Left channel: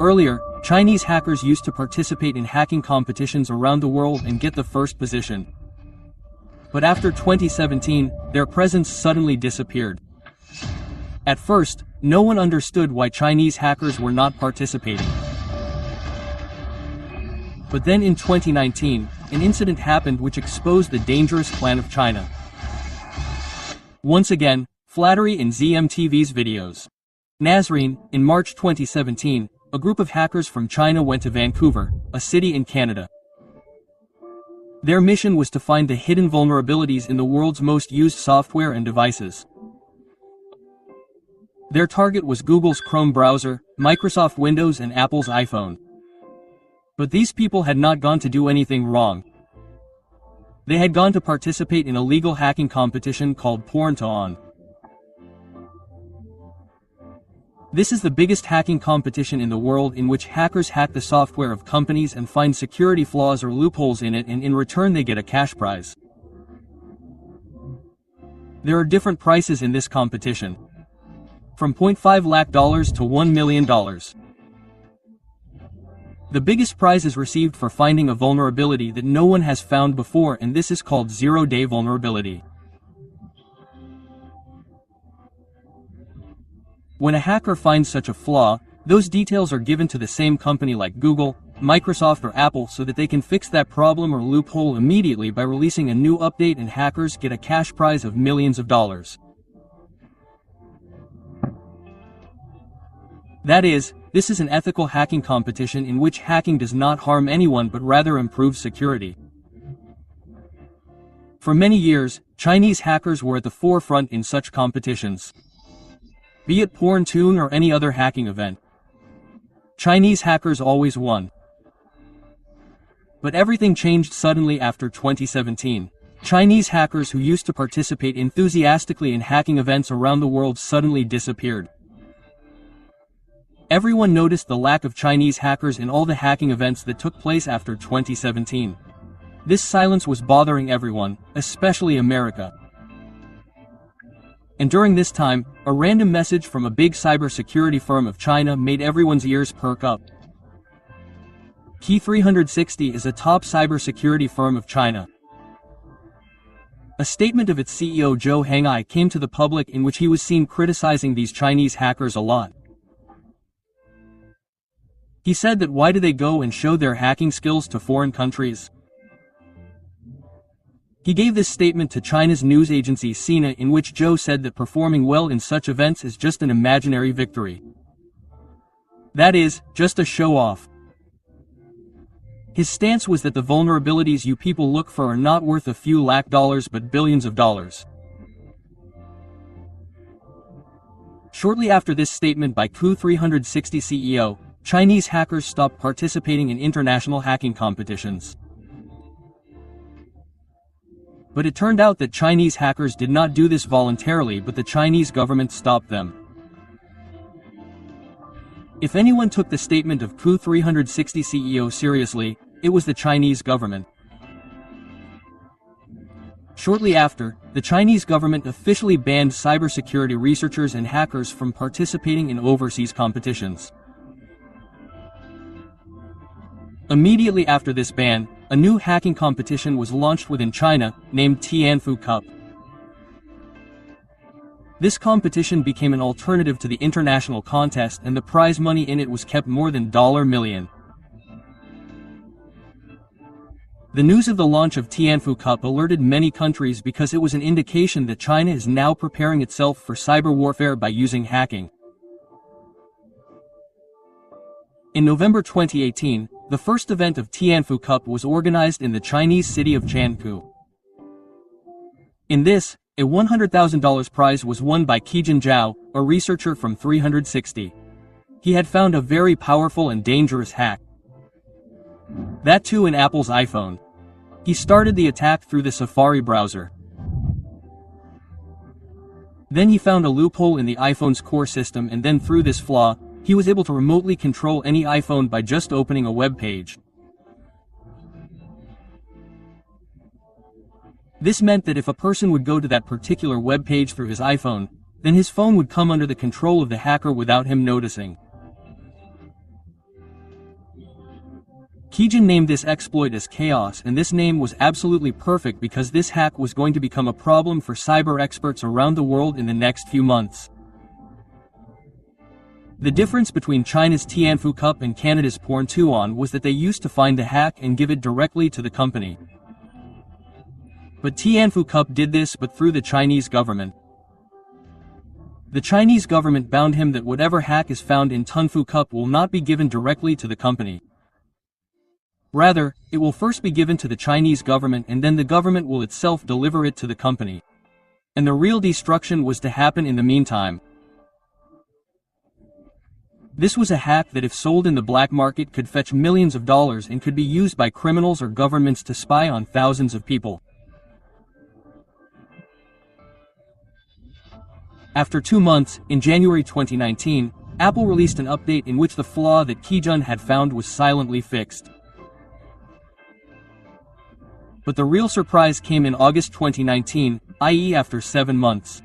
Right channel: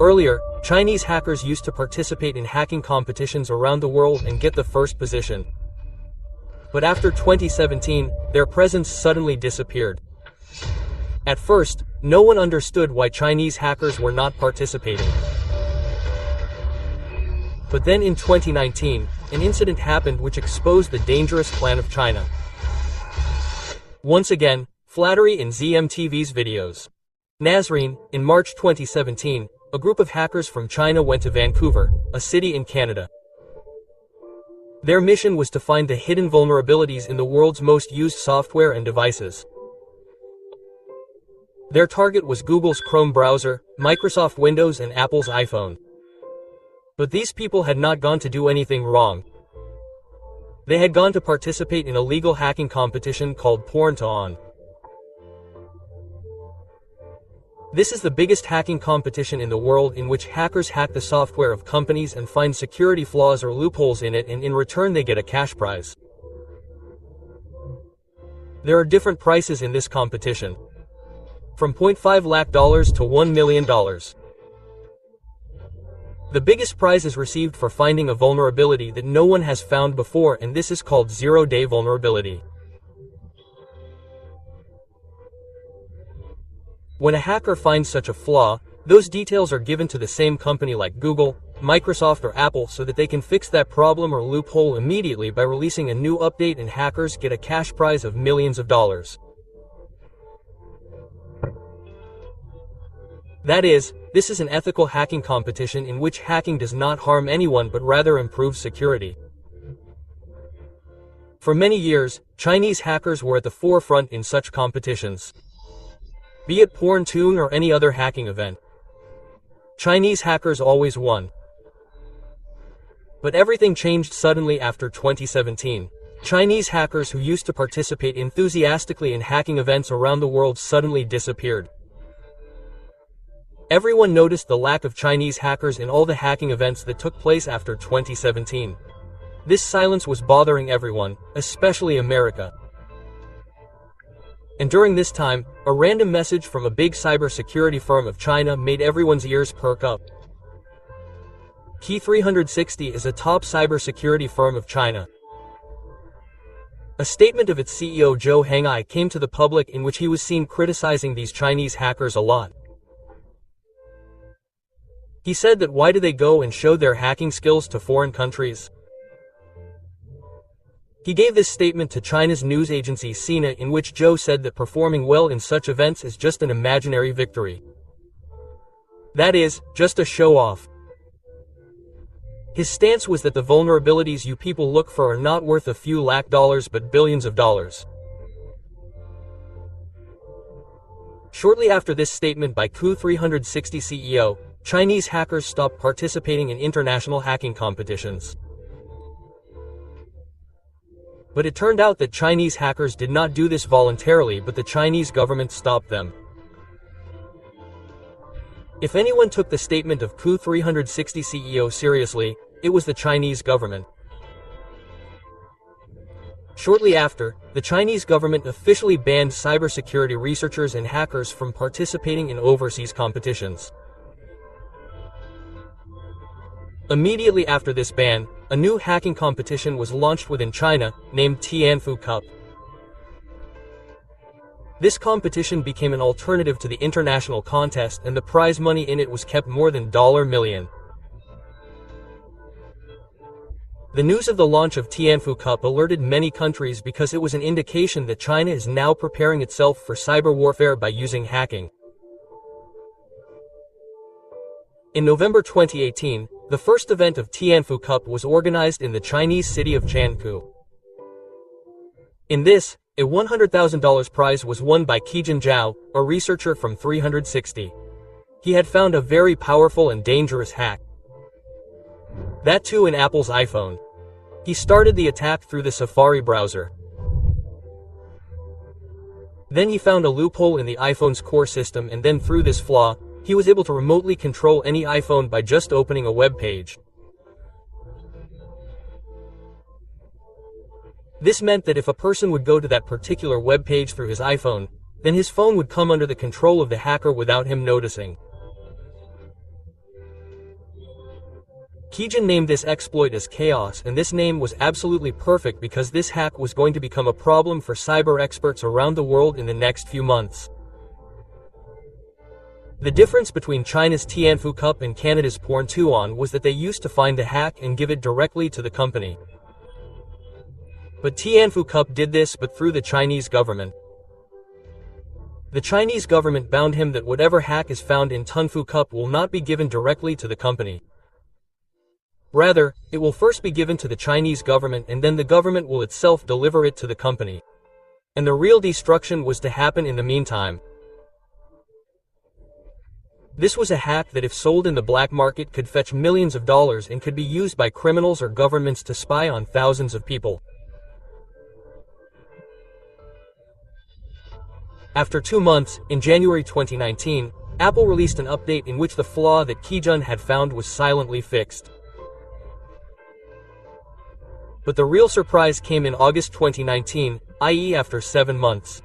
Earlier, Chinese hackers used to participate in hacking competitions around the world and get the first position. But after 2017, their presence suddenly disappeared. At first, no one understood why Chinese hackers were not participating. But then in 2019, an incident happened which exposed the dangerous plan of China. Once again, flattery in ZMTV's videos. Nazreen, in March 2017, a group of hackers from China went to Vancouver, a city in Canada. Their mission was to find the hidden vulnerabilities in the world's most used software and devices. Their target was Google's Chrome browser, Microsoft Windows and Apple's iPhone. But these people had not gone to do anything wrong. They had gone to participate in a legal hacking competition called Porn to On. This is the biggest hacking competition in the world in which hackers hack the software of companies and find security flaws or loopholes in it, and in return they get a cash prize. There are different prices in this competition. From $0.5 lakh to $1 million. The biggest prize is received for finding a vulnerability that no one has found before, and this is called zero-day vulnerability. When a hacker finds such a flaw, those details are given to the same company like Google, Microsoft or Apple so that they can fix that problem or loophole immediately by releasing a new update, and hackers get a cash prize of millions of dollars. That is, this is an ethical hacking competition in which hacking does not harm anyone but rather improves security. For many years, Chinese hackers were at the forefront in such competitions. Be it Porn Tune or any other hacking event. Chinese hackers always won. But everything changed suddenly after 2017. Chinese hackers who used to participate enthusiastically in hacking events around the world suddenly disappeared. Everyone noticed the lack of Chinese hackers in all the hacking events that took place after 2017. This silence was bothering everyone, especially America. And during this time, a random message from a big cybersecurity firm of China made everyone's ears perk up. Key 360 is a top cybersecurity firm of China. A statement of its CEO Zhou Henghai came to the public in which he was seen criticizing these Chinese hackers a lot. He said that why do they go and show their hacking skills to foreign countries? He gave this statement to China's news agency Sina, in which Zhou said that performing well in such events is just an imaginary victory. That is, just a show-off. His stance was that the vulnerabilities you people look for are not worth a few lakh dollars but billions of dollars. Shortly after this statement by Key 360 CEO, Chinese hackers stopped participating in international hacking competitions. But it turned out that Chinese hackers did not do this voluntarily, but the Chinese government stopped them. If anyone took the statement of Key 360 CEO seriously, it was the Chinese government. Shortly after, the Chinese government officially banned cybersecurity researchers and hackers from participating in overseas competitions. Immediately after this ban, a new hacking competition was launched within China, named Tianfu Cup. This competition became an alternative to the international contest, and the prize money in it was kept more than $1 million. The news of the launch of Tianfu Cup alerted many countries because it was an indication that China is now preparing itself for cyber warfare by using hacking. In November 2018, the first event of Tianfu Cup was organized in the Chinese city of Chengdu. In this, a $100,000 prize was won by Qijin Zhao, a researcher from 360. He had found a very powerful and dangerous hack. That too in Apple's iPhone. He started the attack through the Safari browser. Then he found a loophole in the iPhone's core system, and then through this flaw, he was able to remotely control any iPhone by just opening a web page. This meant that if a person would go to that particular web page through his iPhone, then his phone would come under the control of the hacker without him noticing. Kijun named this exploit as Chaos, and this name was absolutely perfect because this hack was going to become a problem for cyber experts around the world in the next few months. The difference between China's Tianfu Cup and Canada's Porn2On was that they used to find the hack and give it directly to the company. But Tianfu Cup did this but through the Chinese government. The Chinese government bound him that whatever hack is found in Tianfu Cup will not be given directly to the company. Rather, it will first be given to the Chinese government and then the government will itself deliver it to the company. And the real destruction was to happen in the meantime. This was a hack that if sold in the black market could fetch millions of dollars and could be used by criminals or governments to spy on thousands of people. After 2 months, in January 2019, Apple released an update in which the flaw that Kijun had found was silently fixed. But the real surprise came in August 2019, i.e. after 7 months.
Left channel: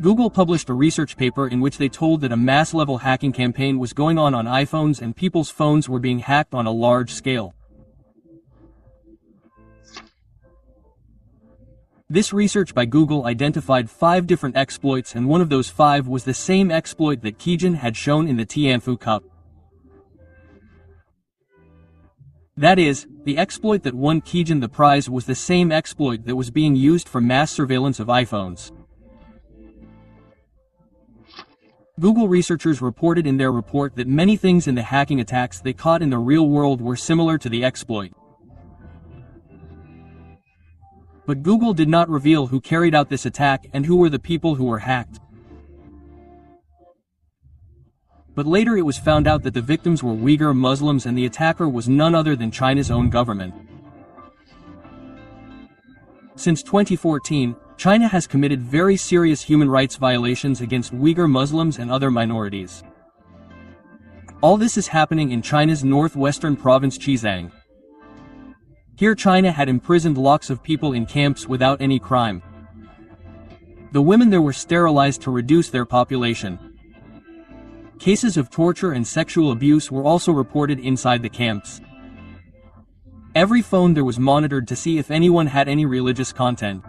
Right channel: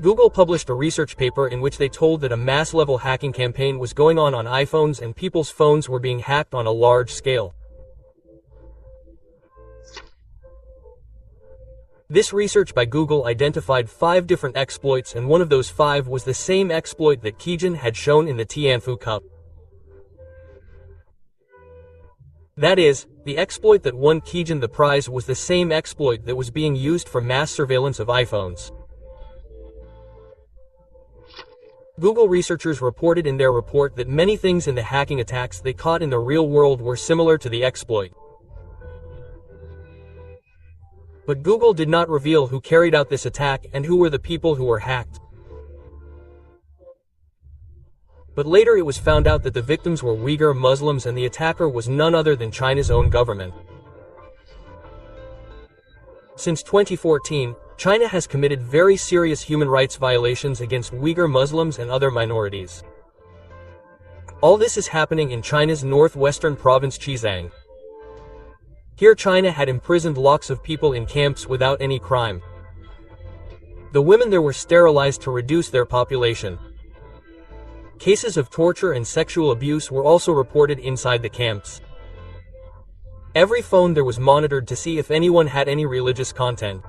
Google published a research paper in which they told that a mass-level hacking campaign was going on iPhones and people's phones were being hacked on a large scale. This research by Google identified 5 different exploits, and one of those 5 was the same exploit that Kijun had shown in the Tianfu Cup. That is, the exploit that won Kijun the prize was the same exploit that was being used for mass surveillance of iPhones. Google researchers reported in their report that many things in the hacking attacks they caught in the real world were similar to the exploit. But Google did not reveal who carried out this attack and who were the people who were hacked. But later it was found out that the victims were Uyghur Muslims and the attacker was none other than China's own government. Since 2014, China has committed very serious human rights violations against Uyghur Muslims and other minorities. All this is happening in China's northwestern province Xizang. Here China had imprisoned lakhs of people in camps without any crime. The women there were sterilized to reduce their population. Cases of torture and sexual abuse were also reported inside the camps. Every phone there was monitored to see if anyone had any religious content.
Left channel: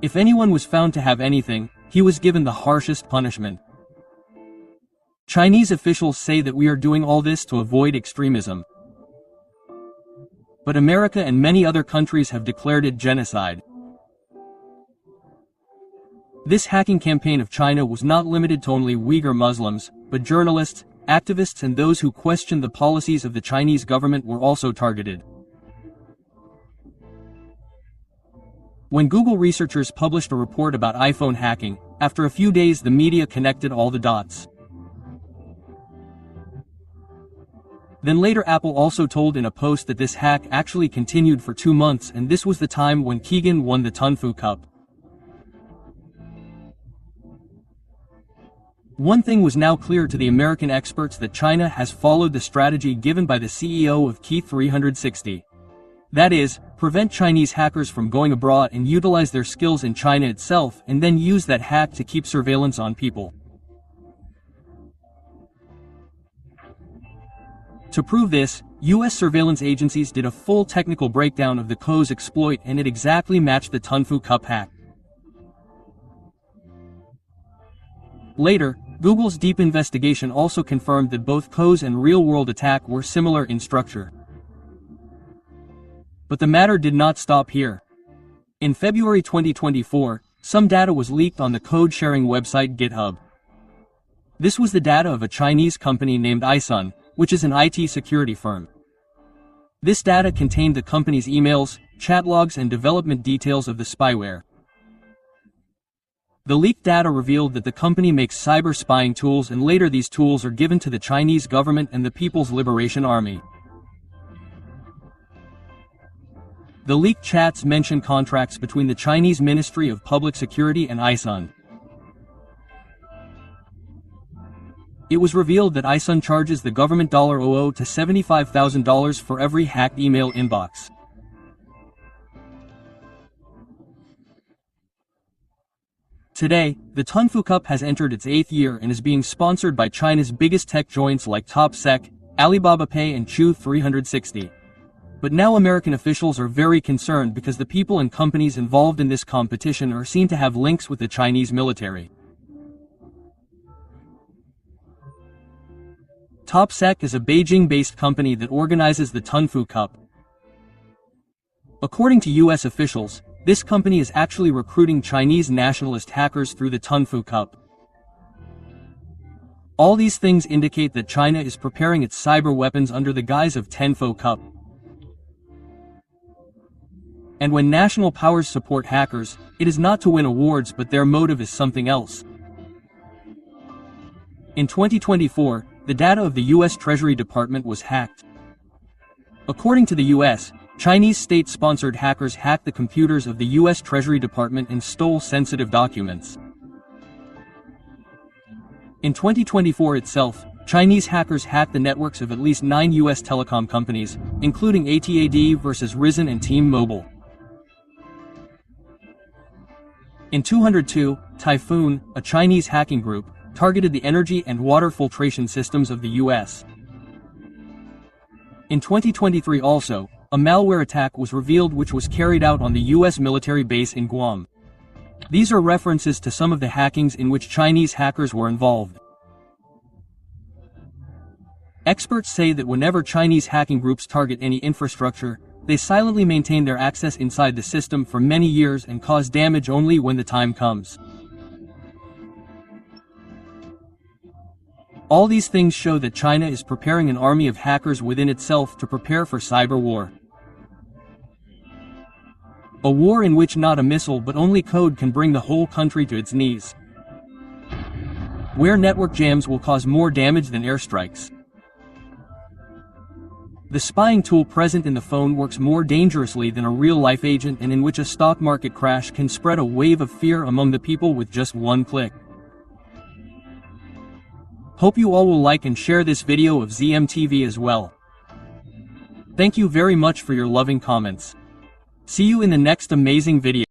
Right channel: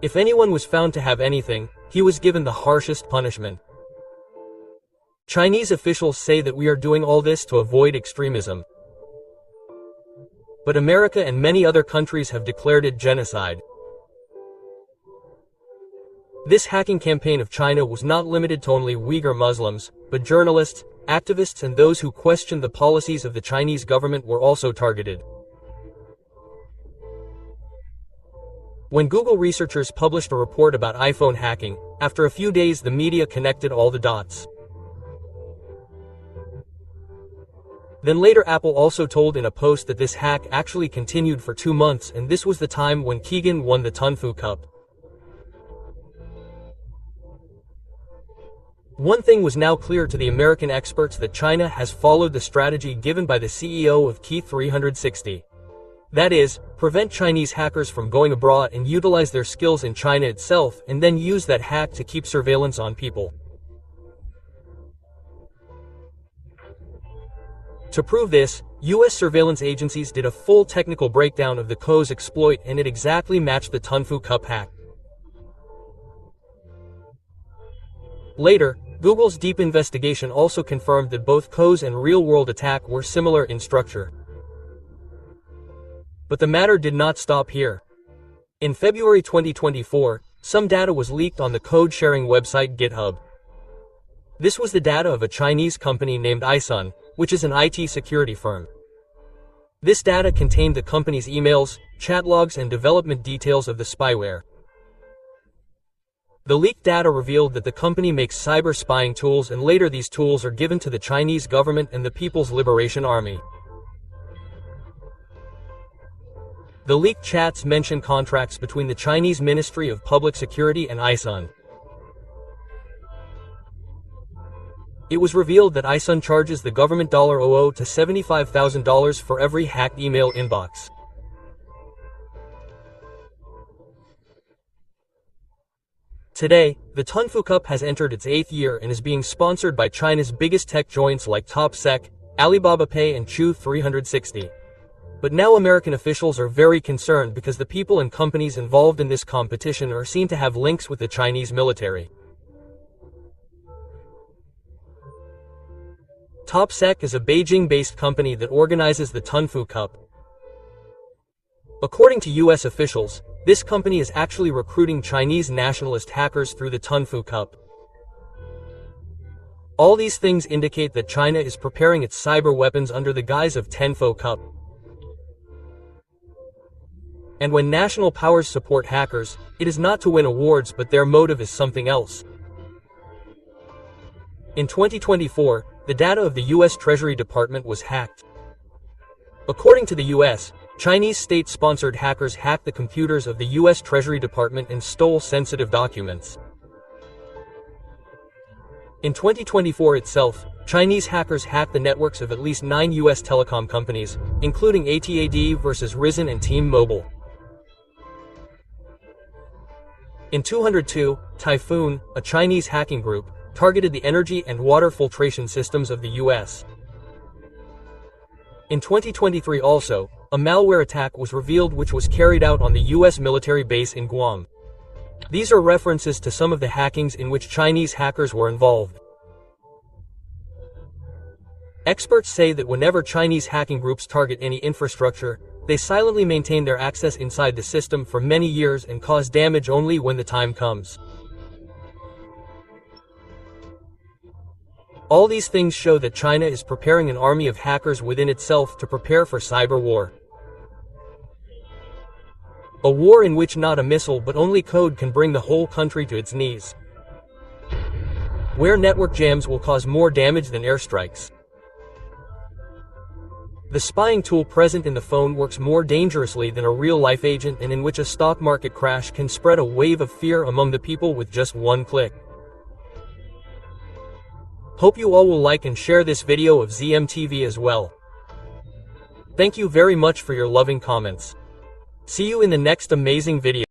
If anyone was found to have anything, he was given the harshest punishment. Chinese officials say that we are doing all this to avoid extremism. But America and many other countries have declared it genocide. This hacking campaign of China was not limited to only Uyghur Muslims, but journalists, activists and those who questioned the policies of the Chinese government were also targeted. When Google researchers published a report about iPhone hacking, after a few days the media connected all the dots. Then later Apple also told in a post that this hack actually continued for 2 months, and this was the time when Kijun won the Tianfu Cup. One thing was now clear to the American experts, that China has followed the strategy given by the CEO of Key 360. That is, prevent Chinese hackers from going abroad and utilize their skills in China itself and then use that hack to keep surveillance on people. To prove this, US surveillance agencies did a full technical breakdown of the Co's exploit, and it exactly matched the Tianfu Cup hack. Later, Google's deep investigation also confirmed that both Co's and real-world attack were similar in structure. But the matter did not stop here. In February 2024, some data was leaked on the code-sharing website GitHub. This was the data of a Chinese company named iSun, which is an IT security firm. This data contained the company's emails, chat logs and development details of the spyware. The leaked data revealed that the company makes cyber spying tools, and later these tools are given to the Chinese government and the People's Liberation Army. The leaked chats mention contracts between the Chinese Ministry of Public Security and iSun. It was revealed that iSun charges the government $00 to $75,000 for every hacked email inbox. Today, the Tunfu Cup has entered its 8th year and is being sponsored by China's biggest tech giants like TopSec, Alibaba Pay and Chew360. But now American officials are very concerned because the people and companies involved in this competition are seen to have links with the Chinese military. TopSec is a Beijing-based company that organizes the Tunfu Cup. According to US officials, this company is actually recruiting Chinese nationalist hackers through the Tunfu Cup. All these things indicate that China is preparing its cyber weapons under the guise of Tunfu Cup. And when national powers support hackers, it is not to win awards, but their motive is something else. In 2024, the data of the US Treasury Department was hacked. According to the US, Chinese state-sponsored hackers hacked the computers of the US Treasury Department and stole sensitive documents. In 2024 itself, Chinese hackers hacked the networks of at least 9 US telecom companies, including AT&T versus Verizon and T-Mobile. In 2002, Typhoon, a Chinese hacking group, targeted the energy and water filtration systems of the US. In 2023 also, a malware attack was revealed which was carried out on the US military base in Guam. These are references to some of the hackings in which Chinese hackers were involved. Experts say that whenever Chinese hacking groups target any infrastructure, they silently maintain their access inside the system for many years and cause damage only when the time comes. All these things show that China is preparing an army of hackers within itself to prepare for cyber war. A war in which not a missile but only code can bring the whole country to its knees. Where network jams will cause more damage than airstrikes. The spying tool present in the phone works more dangerously than a real-life agent, and in which a stock market crash can spread a wave of fear among the people with just one click. Hope you all will like and share this video of ZMTV as well. Thank you very much for your loving comments. See you in the next amazing video.